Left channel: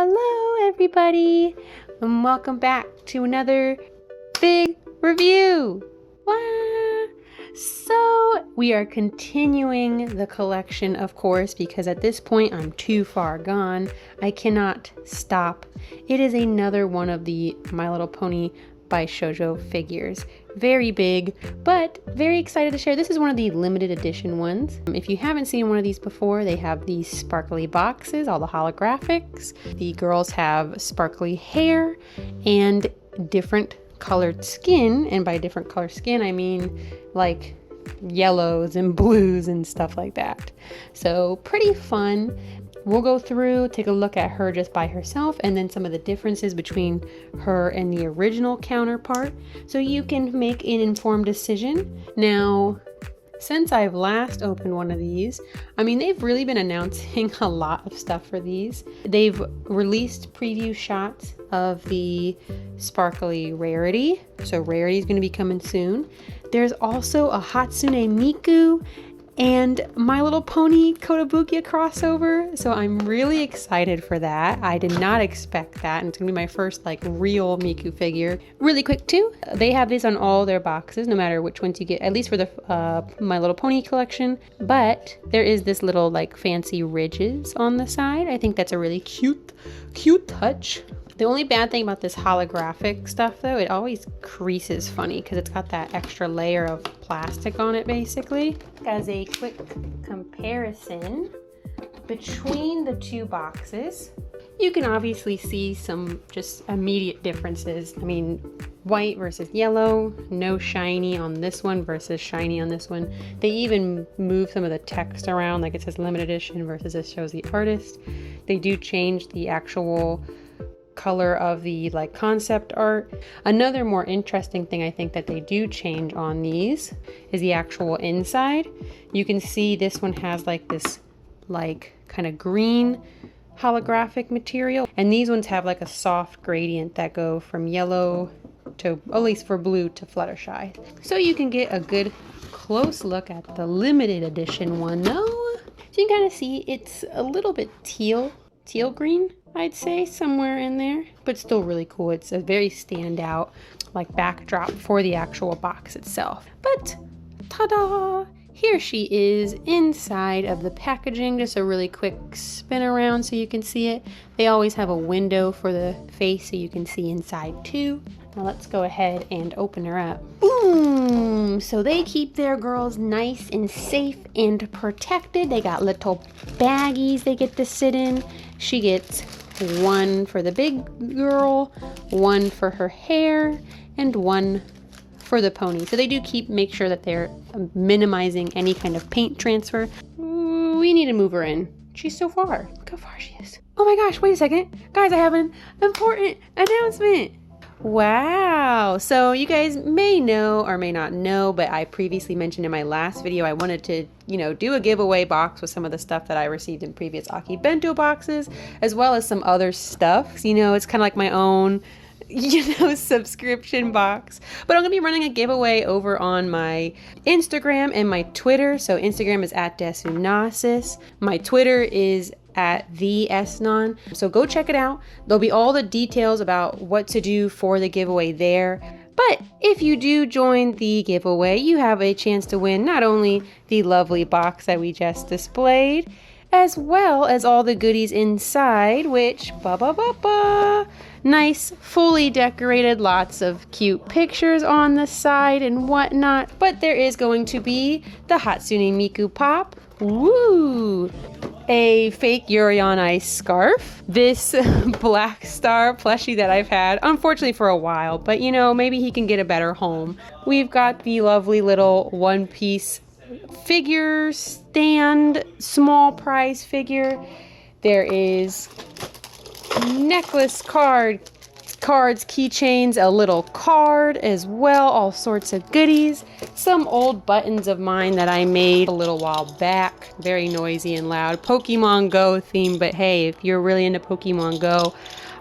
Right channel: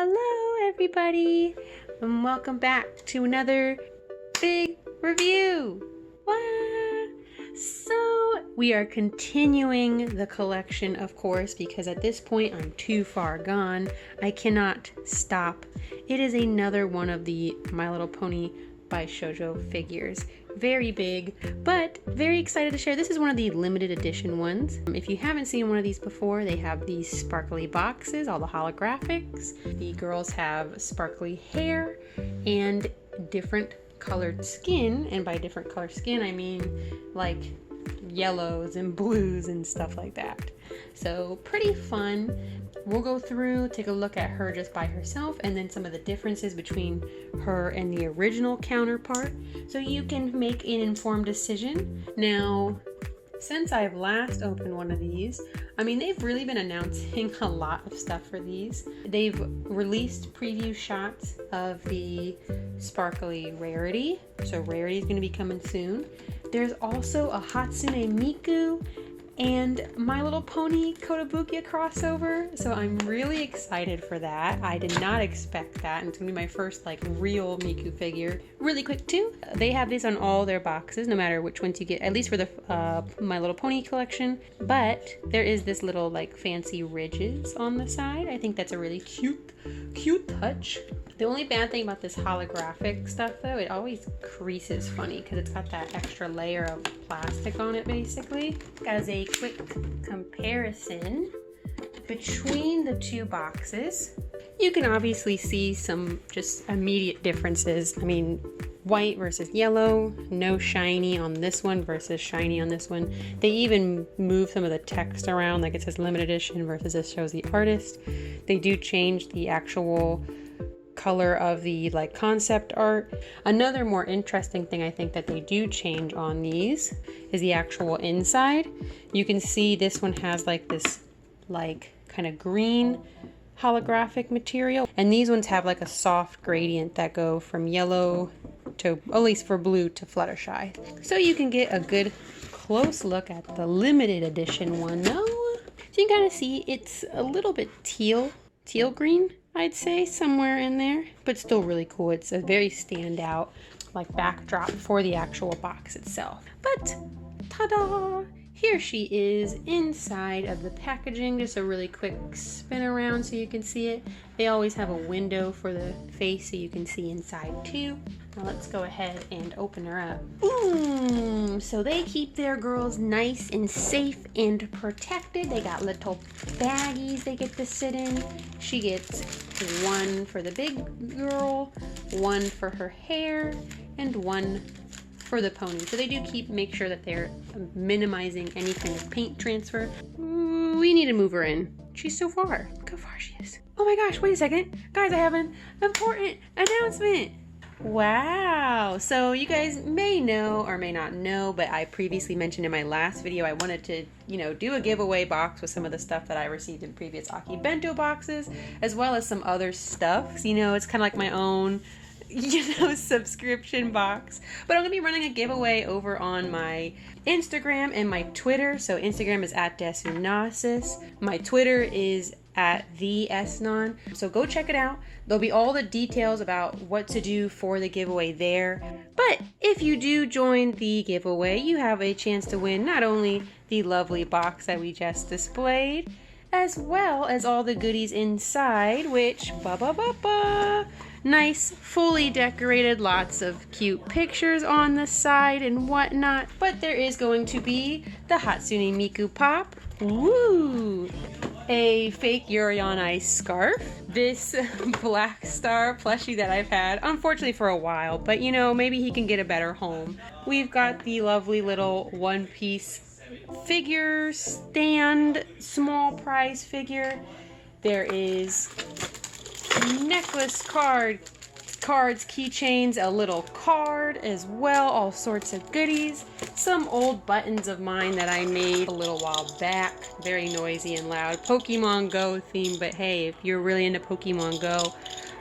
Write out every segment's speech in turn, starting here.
Hello everybody, and welcome back to another big review. So we are continuing the collection, of course, because at this point I'm too far gone. I cannot stop. It is another one of the My Little Pony Bishoujo figures. Very big, but very excited to share. This is one of the limited edition ones. If you haven't seen one of these before, they have these sparkly boxes, all the holographics. The girls have sparkly hair and different colored skin, and by different color skin I mean like yellows and blues and stuff like that. So pretty fun. We'll go through, take a look at her just by herself, and then some of the differences between her and the original counterpart, so you can make an informed decision. Now, since I've last opened one of these, I mean, they've really been announcing a lot of stuff for these. They've released preview shots of the sparkly Rarity, so Rarity is going to be coming soon. There's also a Hatsune Miku and My Little Pony Kotobukiya crossover, so I'm really excited for that. I did not expect that, and it's gonna be my first like real Miku figure. Really quick too, they have this on all their boxes, no matter which ones you get, at least for the My Little Pony collection. But there is this little like fancy ridges on the side. I think that's a really cute touch. The only bad thing about this holographic stuff though, it always creases funny because it's got that extra layer of plastic on it basically. As a quick comparison between the two boxes, you can obviously see some just immediate differences. I mean, white versus yellow, no shiny on this one versus shiny on this one. They even move some of the text around, like it says limited edition versus this shows the artist. They do change the actual color of the like concept art. Another more interesting thing I think that they do change on these is the actual inside. You can see this one has like this like kind of green holographic material, and these ones have like a soft gradient that go from yellow to, at least for blue, to Fluttershy. So you can get a good close look at the limited edition one though. So you can kind of see it's a little bit teal green, I'd say, somewhere in there, but still really cool. It's a very standout like backdrop for the actual box itself. But ta-da! Here she is inside of the packaging. Just a really quick spin around so you can see it. They always have a window for the face so you can see inside too. Now let's go ahead and open her up. Boom! So they keep their girls nice and safe and protected. They got little baggies they get to sit in. She gets one for the big girl, one for her hair, and one for the pony. So they do make sure that they're minimizing any kind of paint transfer. We need to move her in. She's so far. Look how far she is. Oh my gosh, wait a second. Guys, I have an important announcement. Wow. So you guys may know or may not know, but I previously mentioned in my last video I wanted to, do a giveaway box with some of the stuff that I received in previous Aki Bento boxes, as well as some other stuff. So, it's kind of like my own subscription box. But I'm gonna be running a giveaway over on my Instagram and my Twitter. So Instagram is @desunasis. My Twitter is @thesnon. So go check it out. There'll be all the details about what to do for the giveaway there. But if you do join the giveaway, you have a chance to win not only the lovely box that we just displayed, as well as all the goodies inside, which nice, fully decorated, lots of cute pictures on the side and whatnot. But there is going to be the Hatsune Miku pop. Woo! A fake Yuri on Ice scarf. This Black Star plushie that I've had, unfortunately for a while, but maybe he can get a better home. We've got the lovely little One Piece figure stand, small prize figure. There is necklace cards, keychains, a little card as well, all sorts of goodies, some old buttons of mine that I made a little while back, very noisy and loud, Pokemon Go theme, but hey, if you're really into Pokemon Go,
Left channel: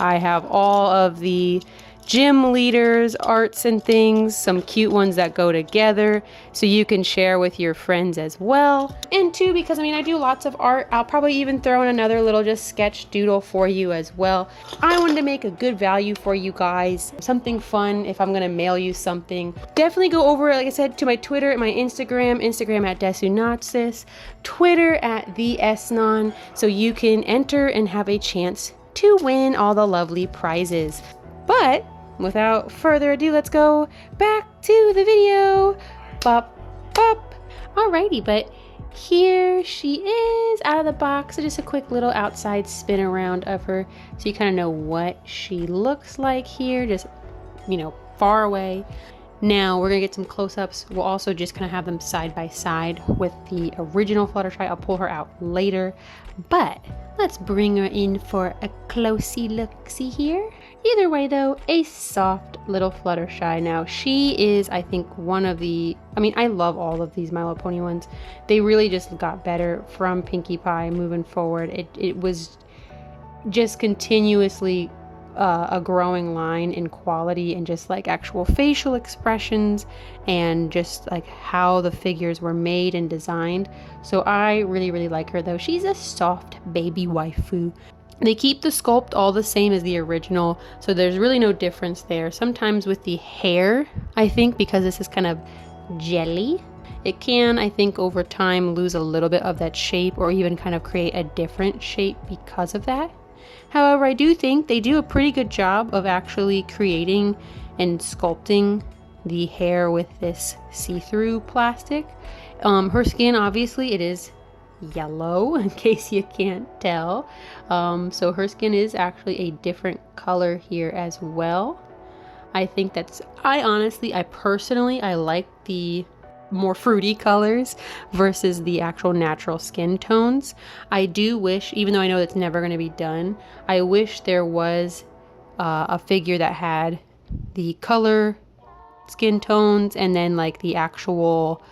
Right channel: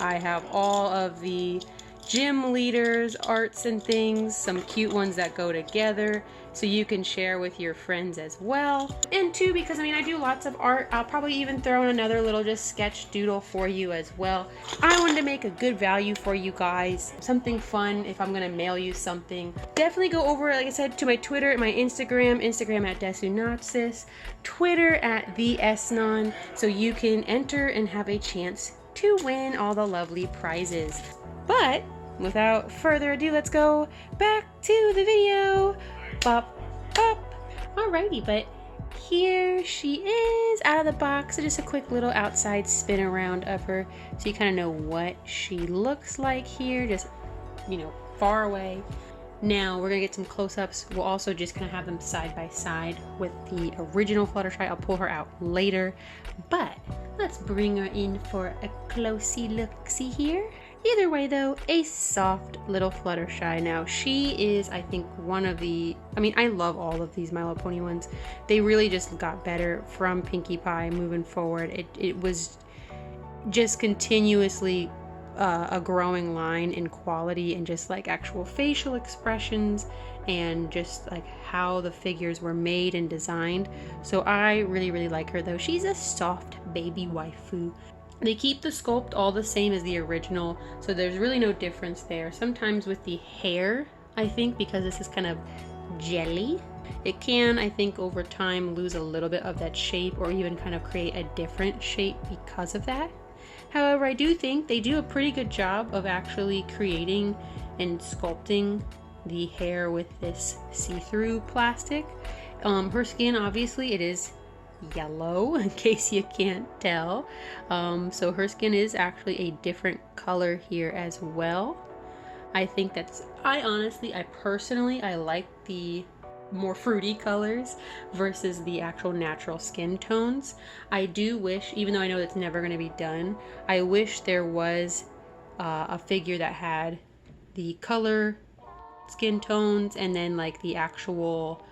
I have all of the gym leaders, arts and things, some cute ones that go together so you can share with your friends as well. And two, because I mean, I do lots of art, I'll probably even throw in another little just sketch doodle for you as well. I wanted to make a good value for you guys, something fun if I'm gonna mail you something. Definitely go over, like I said, to my Twitter, my Instagram at Desunatsis, Twitter at the Esnon, so you can enter and have a chance to win all the lovely prizes. But without further ado, let's go back to the video. Bop, bop. Alrighty, but here she is out of the box. So just a quick little outside spin around of her so you kind of know what she looks like here, just, you know, far away. Now we're gonna get some close-ups. We'll also just kind of have them side by side with the original Fluttershy. I'll pull her out later, but let's bring her in for a closey look-see here. Either way though, a soft little Fluttershy. Now she is, I think, one of the, I mean, I love all of these My Little Pony ones. They really just got better from Pinkie Pie moving forward. It was just continuously a growing line in quality and just like actual facial expressions and just like how the figures were made and designed. So I really like her though. She's a soft baby waifu. They keep the sculpt all the same as the original, so there's really no difference there. Sometimes with the hair, I think because this is kind of jelly, it can, I think, over time lose a little bit of that shape or even kind of create a different shape because of that. However, I do think they do a pretty good job of actually creating and sculpting the hair with this see-through plastic. Her skin, obviously, it is yellow in case you can't tell, so her skin is actually a different color here as well. I think that's, I personally like the more fruity colors versus the actual natural skin tones. I do wish, even though I know it's never going to be done, I wish there was a figure that had the color skin tones and then like the actual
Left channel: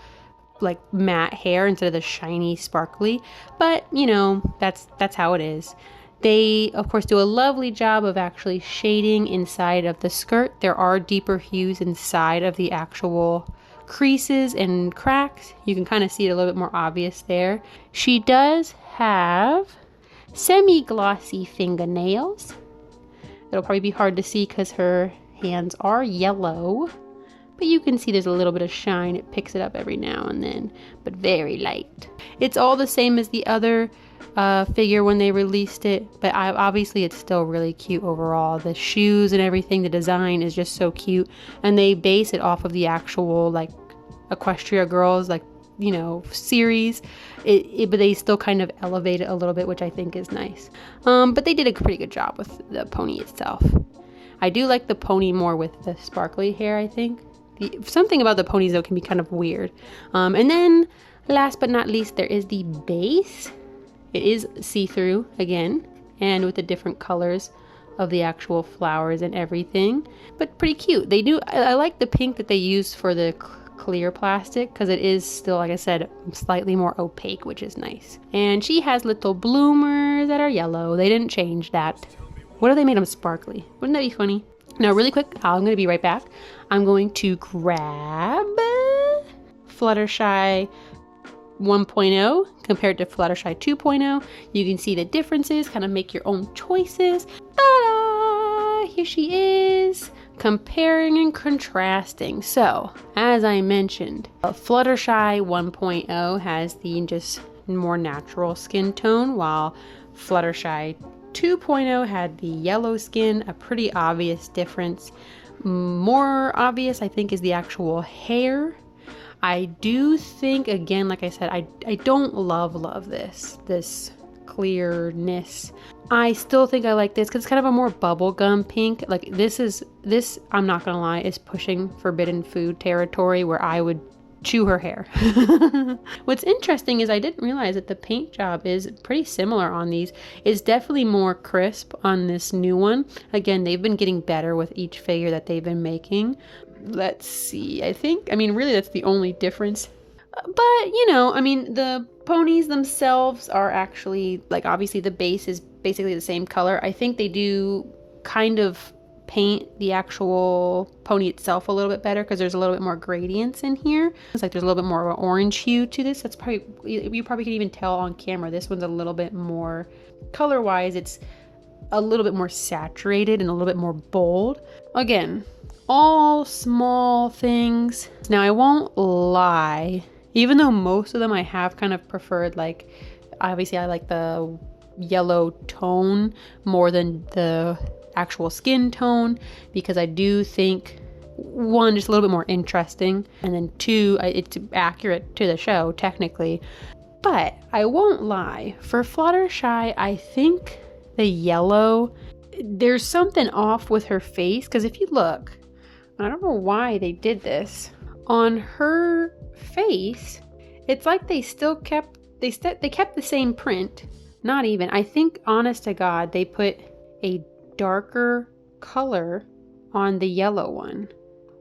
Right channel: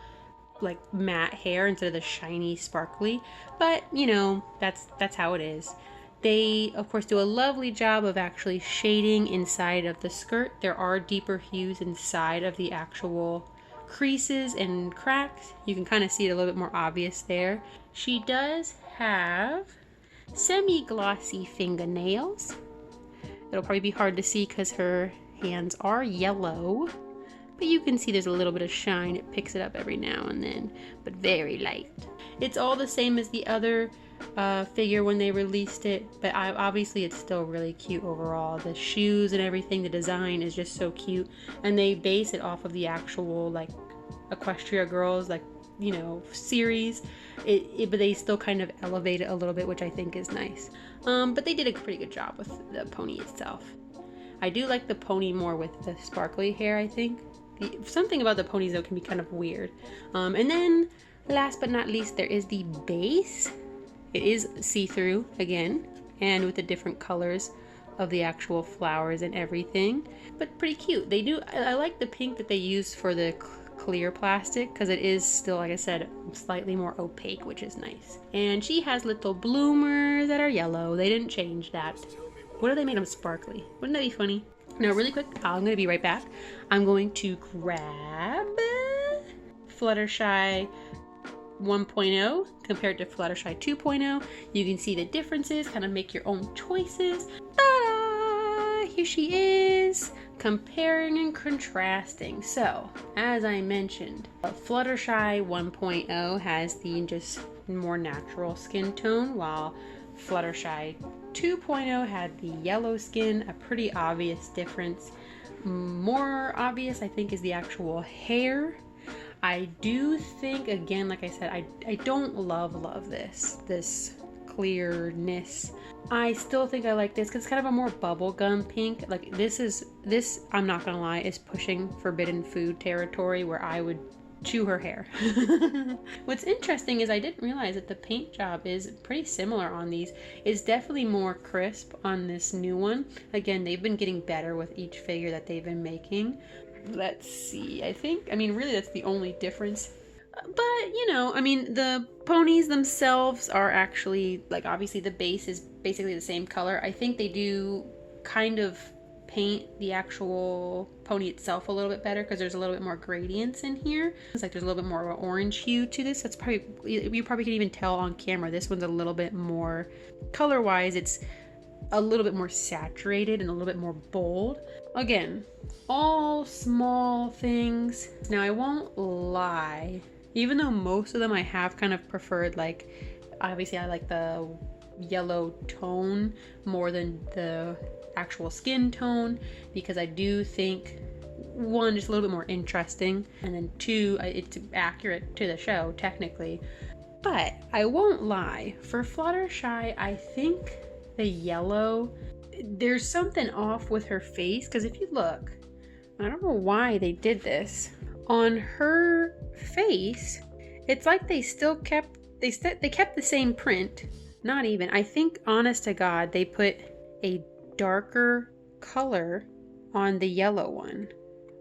like matte hair instead of the shiny sparkly, but you know, that's how it is. They of course do a lovely job of actually shading inside of the skirt. There are deeper hues inside of the actual creases and cracks. You can kind of see it a little bit more obvious there. She does have semi-glossy fingernails. It'll probably be hard to see because her hands are yellow, but you can see there's a little bit of shine. It picks it up every now and then, but very light. It's all the same as the other figure when they released it, but obviously it's still really cute overall. The shoes and everything, the design is just so cute, and they base it off of the actual like Equestria Girls, like, you know, series. But they still kind of elevate it a little bit, which I think is nice. But they did a pretty good job with the pony itself. I do like the pony more with the sparkly hair, I think. Something about the ponies though can be kind of weird. And then last but not least, there is the base. It is see-through again, and with the different colors of the actual flowers and everything, but pretty cute. They do, I like the pink that they used for the clear plastic because it is still, like I said, slightly more opaque, which is nice. And she has little bloomers that are yellow. They didn't change that. What if they made them sparkly? Wouldn't that be funny? Now, really quick, I'm going to be right back. I'm going to grab Fluttershy 1.0 compared to Fluttershy 2.0. You can see the differences, kind of make your own choices. Ta-da! Here she is, comparing and contrasting. So, as I mentioned, Fluttershy 1.0 has the just more natural skin tone, while Fluttershy 2.0 had the yellow skin, a pretty obvious difference. More obvious, I think, is the actual hair. I do think, again, like I said, I don't love this clearness. I still think I like this because it's kind of a more bubblegum pink. Like this, I'm not gonna lie, is pushing forbidden food territory where I would chew her hair. What's interesting is I didn't realize that the paint job is pretty similar on these. It's definitely more crisp on this new one. Again, they've been getting better with each figure that they've been making. Let's see, I mean, really that's the only difference. But, you know, I mean, the ponies themselves are actually, like, obviously the base is basically the same color. I think they do kind of paint the actual pony itself a little bit better because there's a little bit more gradients in here. It's like there's a little bit more of an orange hue to this. That's probably, you probably can even tell on camera, this one's a little bit more, color-wise, it's a little bit more saturated and a little bit more bold. Again, all small things. Now I won't lie, even though most of them I have kind of preferred, like obviously I like the yellow tone more than the actual skin tone, because I do think, one, just a little bit more interesting, and then two, it's accurate to the show technically. But I won't lie, for Fluttershy, I think the yellow, there's something off with her face, because if you look, I don't know why they did this on her face, it's like they still kept they kept the same print. Not even, I think, honest to God, they put a darker color on the yellow one,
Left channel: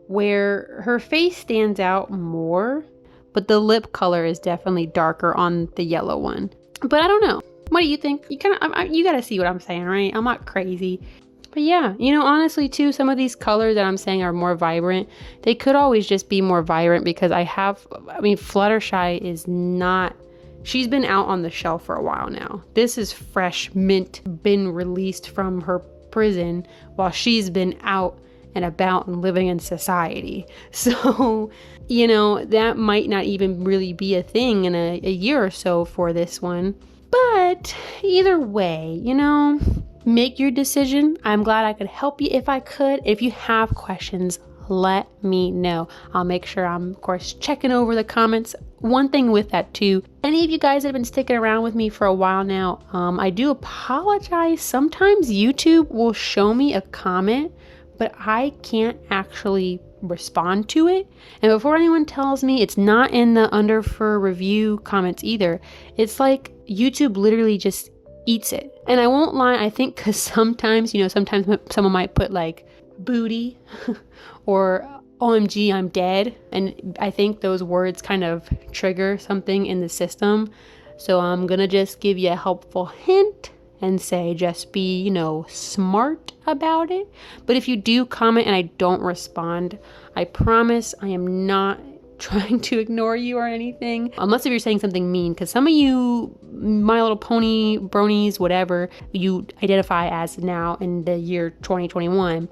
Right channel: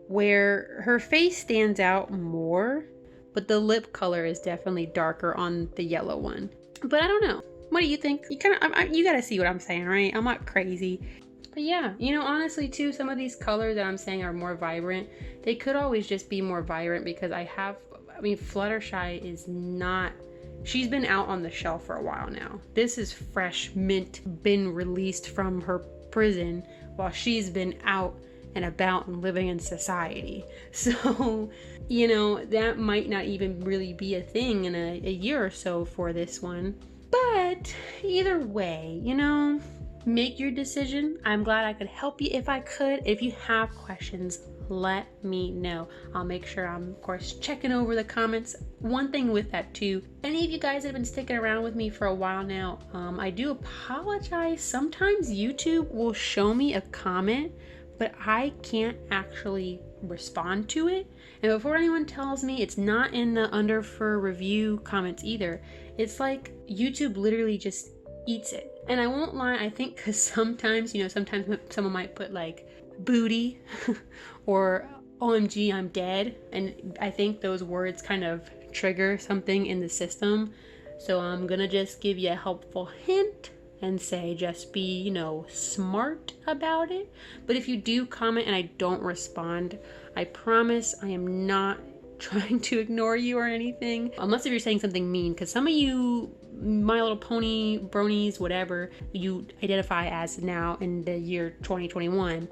where her face stands out more, but the lip color is definitely darker on the yellow one. But I don't know. What do you think? You you gotta see what I'm saying, right? I'm not crazy. But yeah, you know, honestly too, some of these colors that I'm saying are more vibrant. They could always just be more vibrant because Fluttershy is not, she's been out on the shelf for a while now. This is fresh mint, been released from her prison while she's been out and about and living in society. So, you know, that might not even really be a thing in a year or so for this one. But either way, you know, make your decision. I'm glad I could help you if I could. If you have questions, let me know. I'll make sure I'm, of course, checking over the comments. One thing with that too, any of you guys that have been sticking around with me for a while now, I do apologize. Sometimes YouTube will show me a comment, but I can't actually respond to it. And before anyone tells me, it's not in the under for review comments either. It's like YouTube literally just eats it. And I won't lie, I think because sometimes, you know, sometimes someone might put like booty or OMG, I'm dead. And I think those words kind of trigger something in the system. So I'm gonna just give you a helpful hint and say, just be, you know, smart about it. But if you do comment and I don't respond, I promise I am not trying to ignore you or anything, unless if you're saying something mean, because some of you My Little Pony bronies, whatever you identify as now in the year 2021,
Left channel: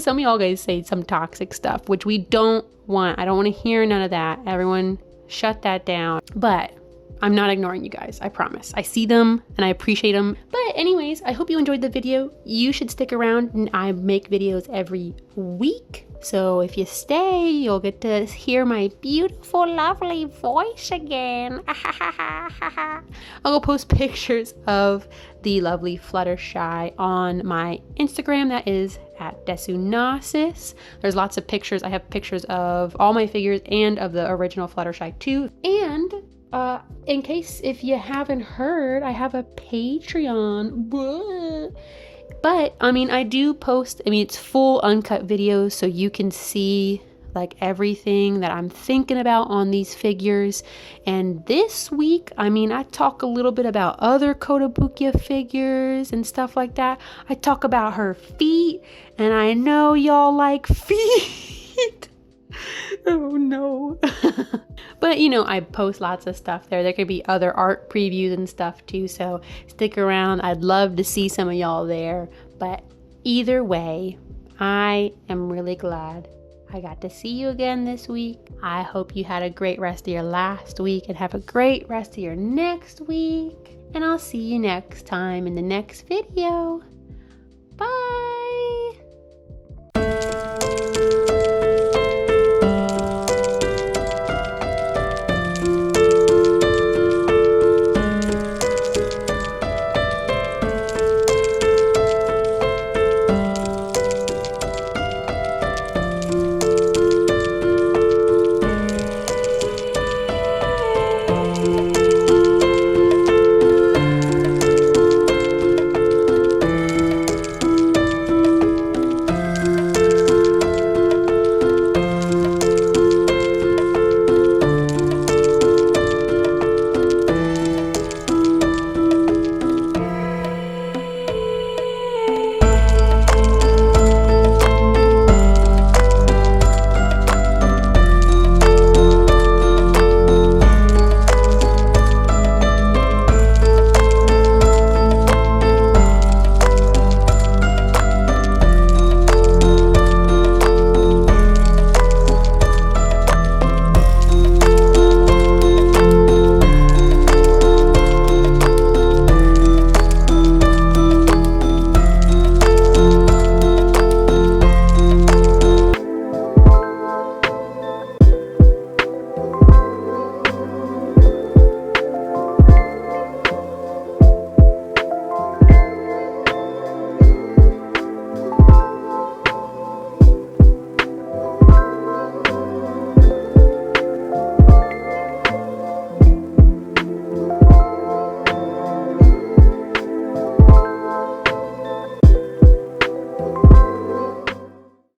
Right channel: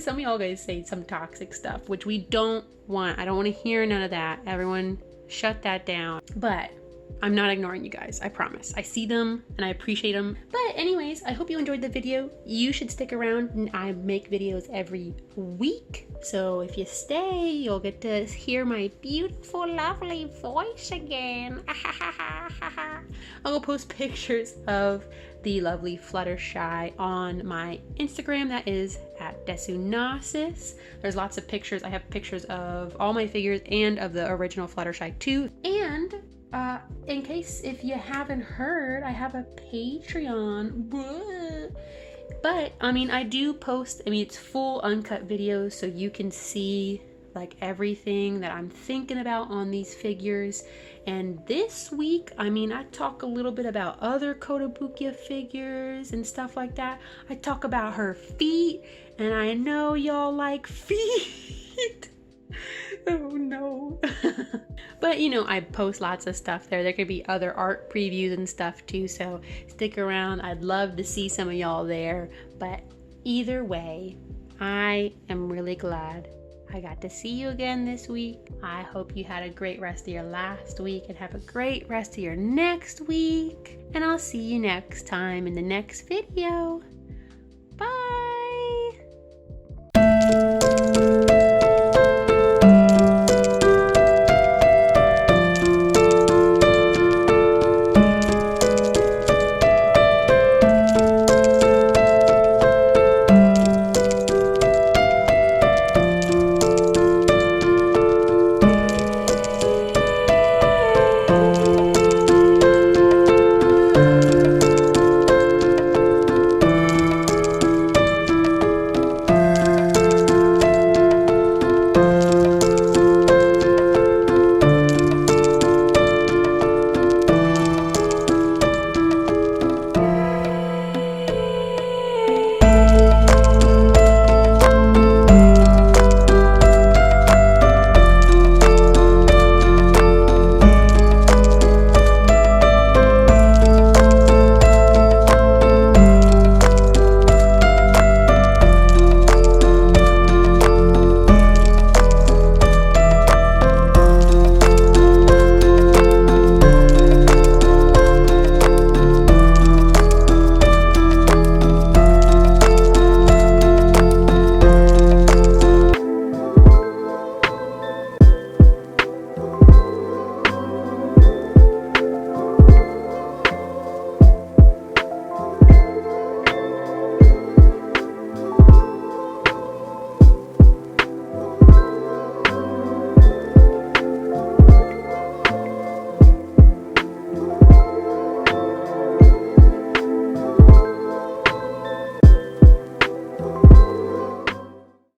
some of y'all guys say some toxic stuff, which we don't want. I don't want to hear none of that. Everyone shut that down. But I'm not ignoring you guys, I promise. I see them and I appreciate them. But anyways, I hope you enjoyed the video. You should stick around, and I make videos every week. So if you stay, you'll get to hear my beautiful, lovely voice again. I'll go post pictures of the lovely Fluttershy on my Instagram. That is at Desunasis. There's lots of pictures. I have pictures of all my figures and of the original Fluttershy too. And in case if you haven't heard, I have a Patreon. But I mean, I do post, it's full uncut videos, so you can see like everything that I'm thinking about on these figures. And this week, I talk a little bit about other Kotobukiya figures and stuff like that. I talk about her feet, and I know y'all like feet. Oh no. But you know, I post lots of stuff there. There could be other art previews and stuff too, so stick around. I'd love to see some of y'all there. But either way, I am really glad I got to see you again this week. I hope you had a great rest of your last week and have a great rest of your next week. And I'll see you next time in the next video.